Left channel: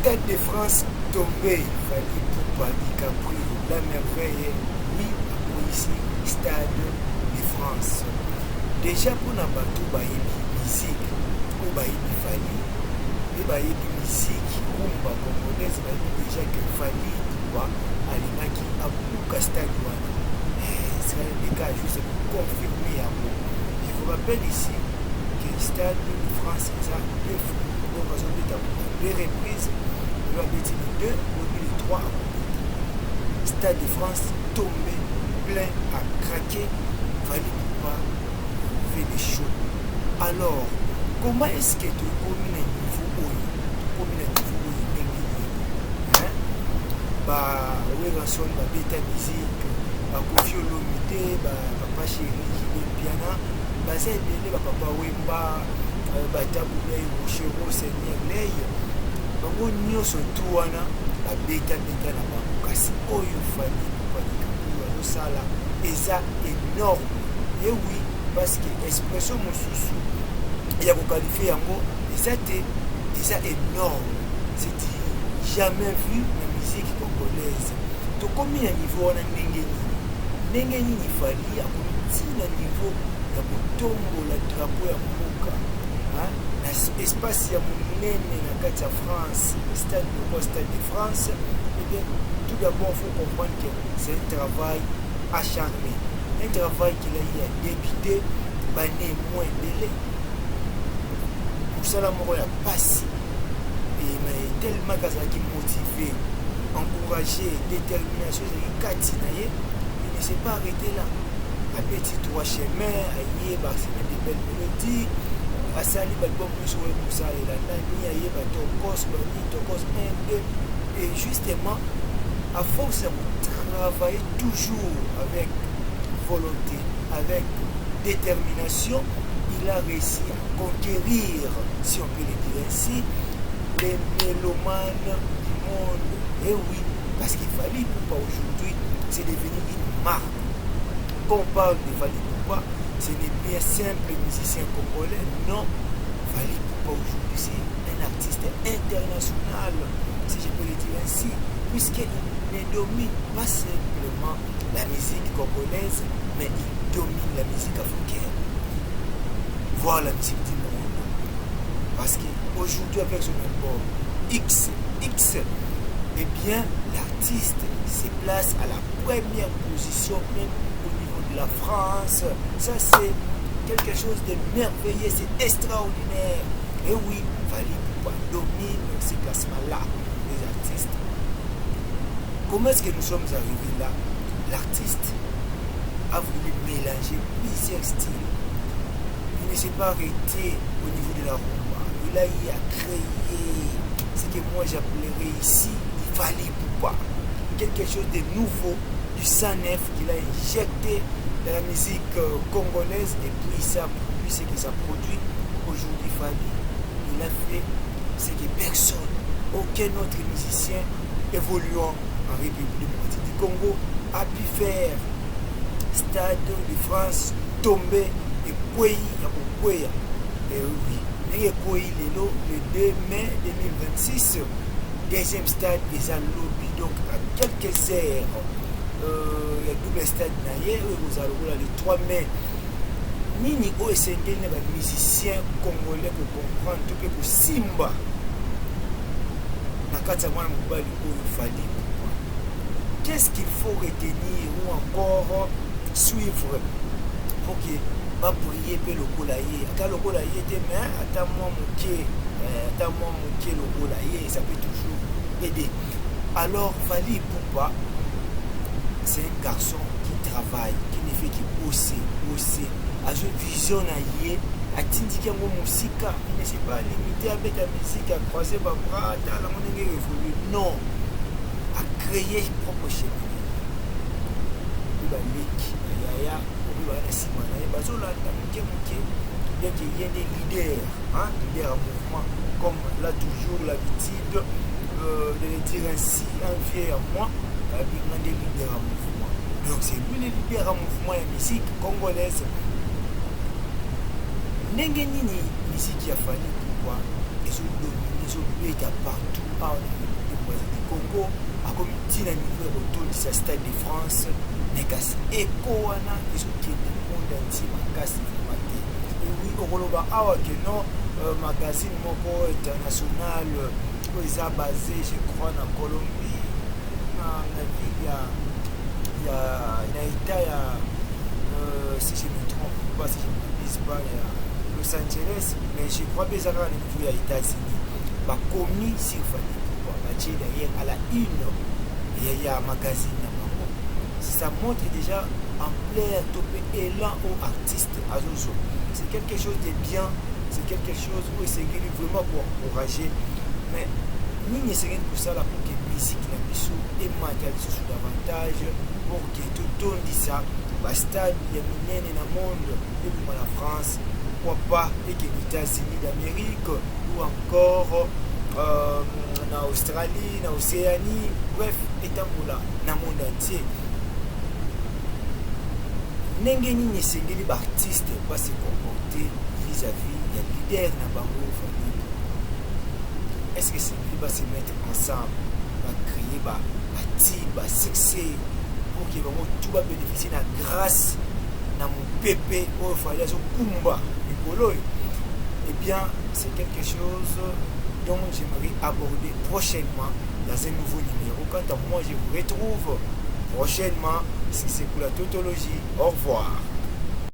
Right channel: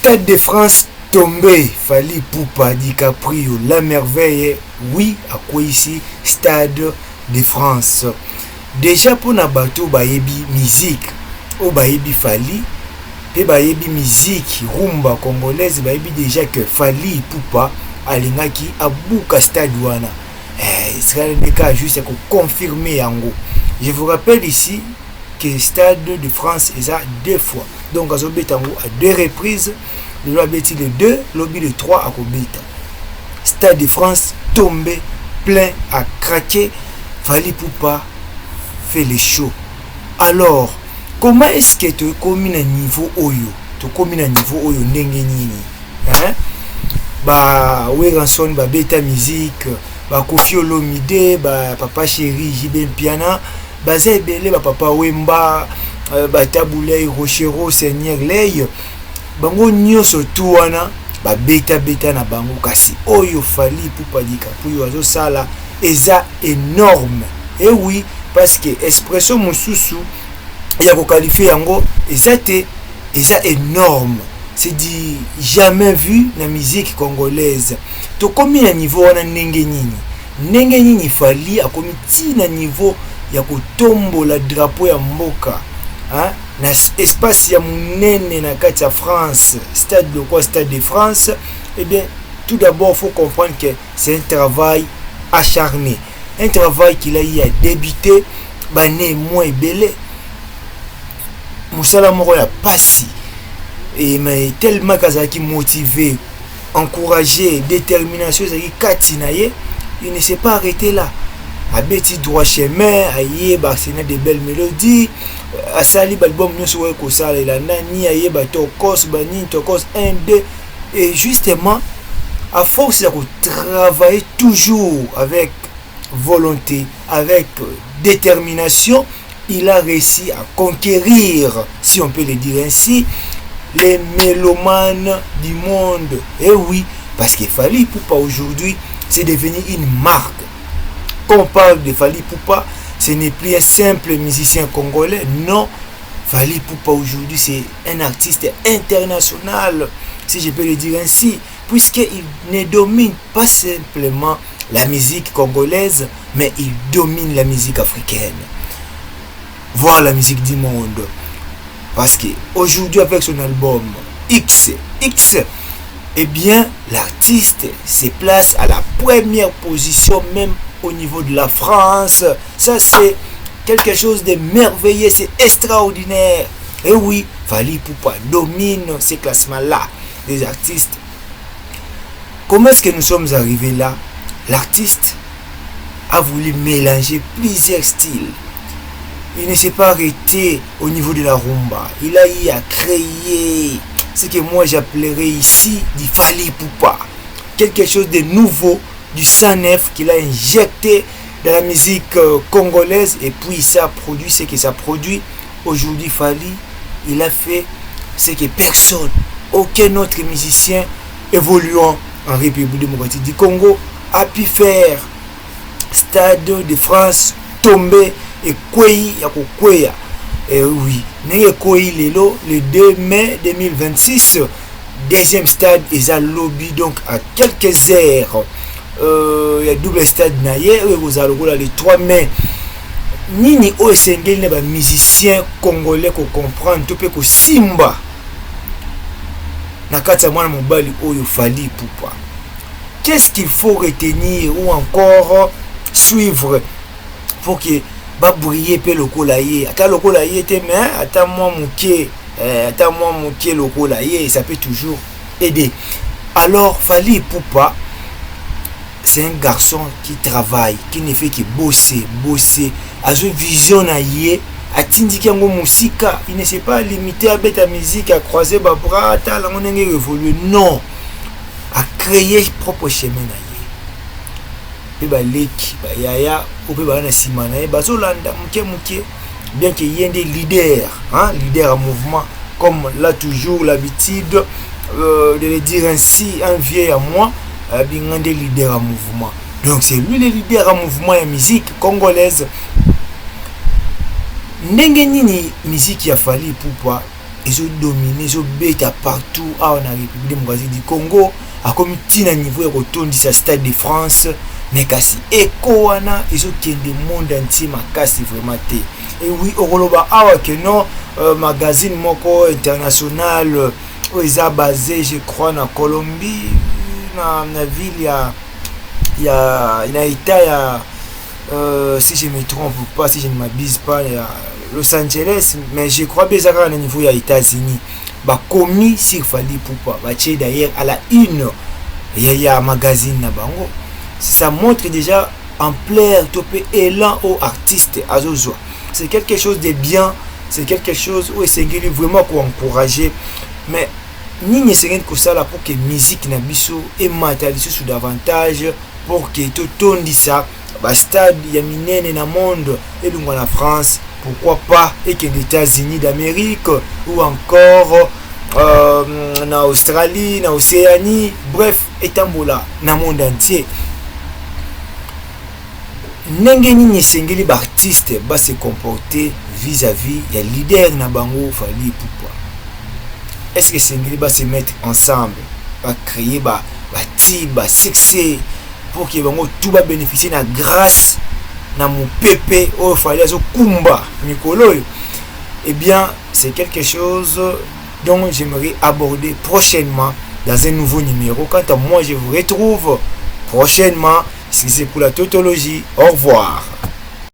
Stade de France tombé, Fally Ipupa DiCaprio, la merveille, oui, à quoi ici, Stade de France. Déjà pour na bateau bayebi musique, au bayebi Fally, et bayebi musique, rumba congolaise, bayebi déjà que Fally Ipupa alingaki abuka stade wana. Ce n'est qu'à juste confirmer yango. Je vous rappelle ici que Stade de France est ça 2 fois. Donc, à deux reprises, le lobby de 2, lobby de 3 à Kobita. Stade de France tombé, plein à craquer. Fally Ipupa fait les shows. Alors, comment est-ce que tu commis un niveau Oyo? Tu commis un niveau Oyo Ndengenini? Hein? Bah, Weranson, bah, Beta Musique, bah, Kofi Olomide, bah, Papa Chéri, Jibin Piana, bah, Zebele, bah, Papa Wemba, bah, Taboulay, Rochero, Seigneur Ley, bango nyonso tout wana, bah, Beta na bango kasi. Oyo Fally Ipupa DiCaprio, azo sala, eza énorme. Et oui, parce que Espresso Mosusu, il y a qualifié yango, eza énorme. C'est dit jamais vu la musique congolaise. To komi na niveau wana ndenge nini Fally akomi ti na niveau ya kotombo la drapeau ya mboka, hein? Na espace ya munene na kati ya France, stade de France. Eh bien, tout d'abord faut comprendre que c'est un travail acharné, un travail qu'il a eu à débuter bané moins belé. Musala moko ya pasi. Et mais tellement Kazaki motivé, encouragé, détermination, il ne s'est pas arrêté là. A bêti droit chemin, aïe, c'est des belles mélodies. A sali balbum nous souhaite que ça la nani aïe tokos bani tokos 1 2 et justement à force de travailler toujours avec volonté, avec détermination, il a réussi à conquérir, si on peut le dire ainsi, les mélomanes du monde. Et oui, parce que Fally Ipupa aujourd'hui, c'est devenu une marque. Quand on parle de Fally Ipupa, ce n'est plus un simple musicien congolais. Non, Fally Ipupa aujourd'hui, c'est un artiste international, si je peux le dire ainsi, puisqu'il ne domine pas simplement la musique congolaise, mais il domine la musique africaine, voire la musique du monde. Parce qu'aujourd'hui, avec son album X, eh bien, l'artiste se place à la première position, même au niveau de la France. Ça, c'est quelque chose de merveilleux, c'est extraordinaire. Et oui, Fally Ipupa domine ces classements-là, les artistes. Comment est-ce que nous sommes arrivés là? L'artiste a voulu mélanger plusieurs styles. Il ne s'est pas arrêté au niveau de la rumba. Il a eu à créer ce que moi j'appellerais ici du Fally Ipupa. Quelque chose de nouveau, du sang neuf qu'il a injecté dans la musique congolaise. Et puis ça produit ce que ça produit. Aujourd'hui, Fally, il a fait ce que personne, aucun autre musicien évoluant en République démocratique du Congo a pu faire. Stade de France tombé. Et Kwei Yakokweya. Et oui, Neye Kwei Lelo, le 2 mai 2026, deuxième stade, et à lobby, donc à quelques heures. Il y a double stade Naye, vous allez le 3 mai. Nini Oesengel n'est pas musicien congolais qu'on comprend, tout peut que Simba. Nakata Mwana Mobali Oyo Fally Ipupa. Qu'est-ce qu'il faut retenir ou encore suivre pour que va briller pe lokolaye ata lokolaye te mais ata moi muke lokolaye ça peut toujours aider. Alors Fally Ipupa, c'est un garçon qui travaille, qui ne fait que bosser a une vision na yé atindiki yango musika. Il ne s'est pas limité à bête musique, à croiser ba bras ata la ngenge évoluer, non, à créer propre chemin na yé. Baleki yaya ope bana simana bazolanda muke bien qu'il y ait des leaders, hein, leader en mouvement, comme là toujours l'habitude de le dire ainsi, un vieil à moi, bien des leaders en mouvement. Donc c'est lui le leader en mouvement et musique congolaise. Ndenge nini musique ya Fally Ipupa ils ont dominé, ils ont bêté partout à la République démocratique du Congo, à comme tina niveau et retourne de stade de France, mais kasi ekoana ils ont qui le monde entier ma casse vraiment té. Et oui, au Roloba awa que non magazine moko international où ils ont basé je crois en Colombie, na ville il y a État si je me trompe pas, si je ne m'abuse pas, il y a Los Angeles, mais je crois bien que à niveau des États-Unis, bah commis sur Fally Ipupa, bah c'est d'ailleurs à la une, il y a un magazine na bango, ça montre déjà en plein topé élan aux artistes à Zozo. C'est quelque chose de bien, c'est quelque chose où c'est vraiment pour encourager, mais ni ne serait que ça là pour que musique na biso et matérialisé sous davantage pour que tout le monde dit ça. Bah stade ya minene na monde et l'on la France, pourquoi pas, et que les États-Unis d'Amérique ou encore na Australie, na Océanie, bref, etambola na monde entier. Ndenge nini sengeli ba artiste ba se comporter vis-à-vis ya leader na bango Fally Ipupa. Est-ce que sengeli ba se mettre ensemble, ba créer ba tiba succès pour que bango tout va bénéficier na grâce na mon pépé au Fally azo kumba mikolo. Eh bien, c'est quelque chose dont j'aimerais aborder prochainement dans un nouveau numéro. Quant à moi, je vous retrouve prochainement. Si c'est pour la tautologie, au revoir.